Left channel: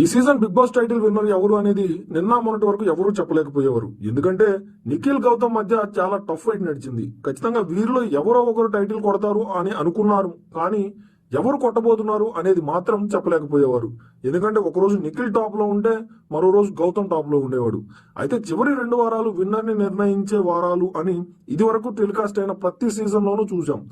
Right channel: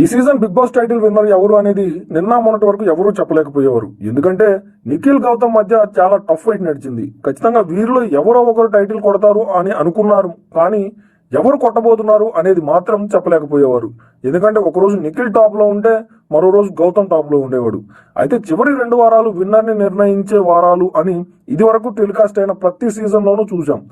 ఈ season Bigg Boss title winner ఎవరు అనేది నిన్న మొన్నటి వరకు ఎవరూ చెప్పలేకపోయేవారు. ఎందుకంటే నిఖిల్ గౌతమ్ మధ్య చాలా టఫ్ ఫైట్ నడిచింది. ఖచ్చితంగా వీరిలో ఎవరో ఒకరు టైటిల్ కొడతారు అని అనుకున్నారు. కానీ ఎవరు కొట్టబోతున్నారు అనేది మాత్రం చెప్పలేకపోయేవారు. ఎందుకంటే ఒకరోజు నిఖిల్ టాప్లో ఉంటే మరో రోజు గౌతమ్ టాప్లో ఉండేవాడు. అయితే చివరి రెండు వారాలు విన్నర్ని నిర్ణయించే వారాలు అని ఇది వరకు టెలికాస్ట్ అయిన ప్రతి సీజన్ లోనూ చూసాం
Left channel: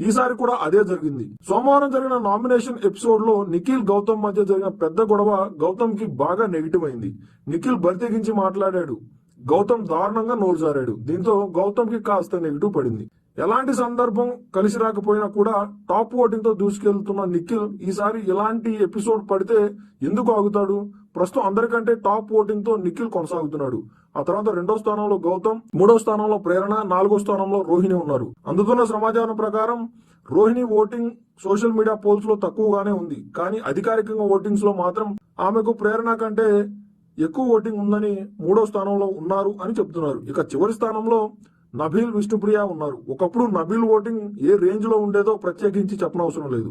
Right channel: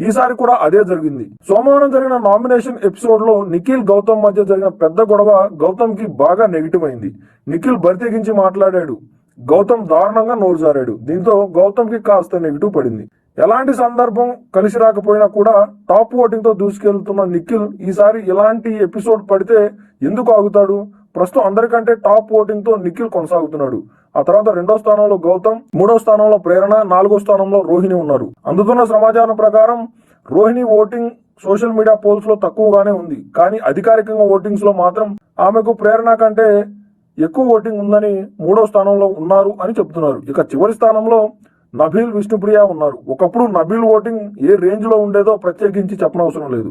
ఈసారి కూడా అదే జరిగింది. సోమవారం జరిగిన నామినేషన్ ఎపిసోడ్లో నిఖిల్ గౌతమ్ మధ్య జరిగిన పెద్ద గొడవ గౌతమ్కి బాగా నెగిటివ్ అయింది. నిఖిల్ బరితెగించి మాట్లాడాడు. గౌతమ్ దారుణంగా నోరు జారాడు. దీంతో గౌతమ్కి కాస్త నెగిటివ్ పడింది. ఎలాంటి సందర్భం కలిసి రాకపోయినా కూడా టాప్ ఓటింగ్తో దూసుకెళ్తున్న నిఖిల్ ఈసారి ఇలాంటి ఎపిసోడ్ పడితే ఎందుకు ఆగుతాడు? ప్రస్తుతం అందరికంటే టాప్ ఓటింగ్తో నిఖిల్ కొనసాగుతున్నాడు. ఆ తర్వాత రెండో స్థానంలో గౌతమ్ మూడో స్థానంలో ప్రేరణ నాలుగో స్థానంలో రోహిణి ఉన్నారు. అందుతున్న సమాచారం ప్రకారం రోహిణి ఓటింగ్ సోషల్ మీడియా పోల్స్లో తక్కువగానే ఉంది. కానీ అధికారికంగా ఓటింగ్స్లో మాత్రం ఆమెకు ప్రేరణ కంటే ఎక్కువ ఓటింగ్ ఉందని మూడో స్థానంలో ఉన్నారు అని చెప్తున్నారు ఇక చివరి స్థానంలో నబీల్ విష్ణుప్రియ ఉన్నారు. ఒకప్పుడు నబీల్ ఓటింగ్ ఏ రేంజ్లో ఉండేదో ప్రత్యేకించి చెప్పనవసరం లేదు.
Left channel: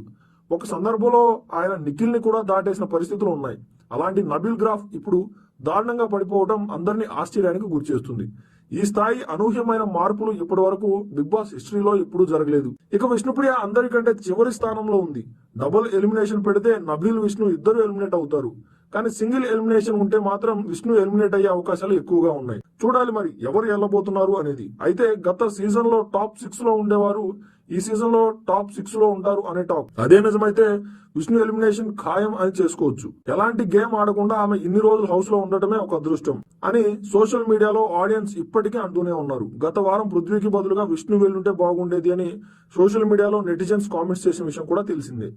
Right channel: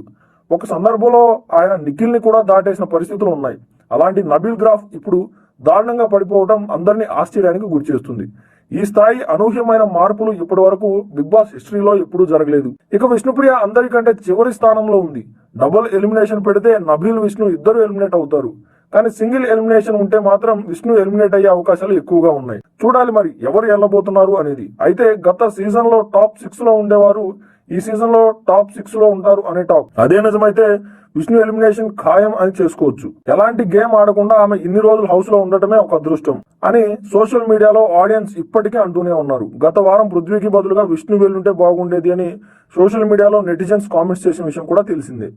ఒక సందర్భంలో ఆయన నిఖిల్ని కూడా దాటేసిన పరిస్థితులు ఉన్నాయి. అలాంటి నబీల్ గ్రాఫ్ ఇప్పుడు దారుణంగా పడిపోవడం అందరినీ ఆశ్చర్యానికి గురిచేస్తుంది ఈ స్థాయి అనూహ్యమైన మార్పులు ఇప్పటి వరకు బిగ్ బాస్ హిస్టరీలో ఎప్పుడూ జరగలేదు. ఇక విష్ణుప్రియ అందరికంటే చివరి స్థానంలో ఉంది. డబుల్ ఎలిమినేషన్ పెడితే నబీల్ విష్ణు ఇద్దరు ఎలిమినేట్ అవుతారు. కానీ సింగిల్ ఎలిమినేషన్ ఉంటే మాత్రం విష్ణు ఎలిమినేట్ అయ్యే అవకాశాలు ఎక్కువగా ఉన్నాయి. చూడాలి మరి ఎవరు వెళ్ళబోతున్నారు అనేది. అయితే గత సీజన్లో టాప్ సిక్స్లో ఉండేవారు ఈ సీజన్లో టాప్ సిక్స్లో ఉంటారు అనే టాక్ అదే నిజమైతే విష్ణు ఎలిమినేషన్ ఖాయం అని చేసుకోవచ్చు. ఎలాంటి గేమ్ ఆడకుండా ఆమె ఇన్ని రోజులు హౌస్లో ఉండటమే ఒక అదృష్టం అని సోషల్ మీడియాలో ఆడియన్స్ ఇప్పటికే అంటూనే ఉన్నారు. గత వారం పృథ్వీకి బదులుగా విష్ణు వెళ్ళుంటే బాగుండేది అని సోషల్ మీడియాలో నెటిజన్స్ కామెంట్స్ చేసిన విషయం కూడా తెలిసిందే.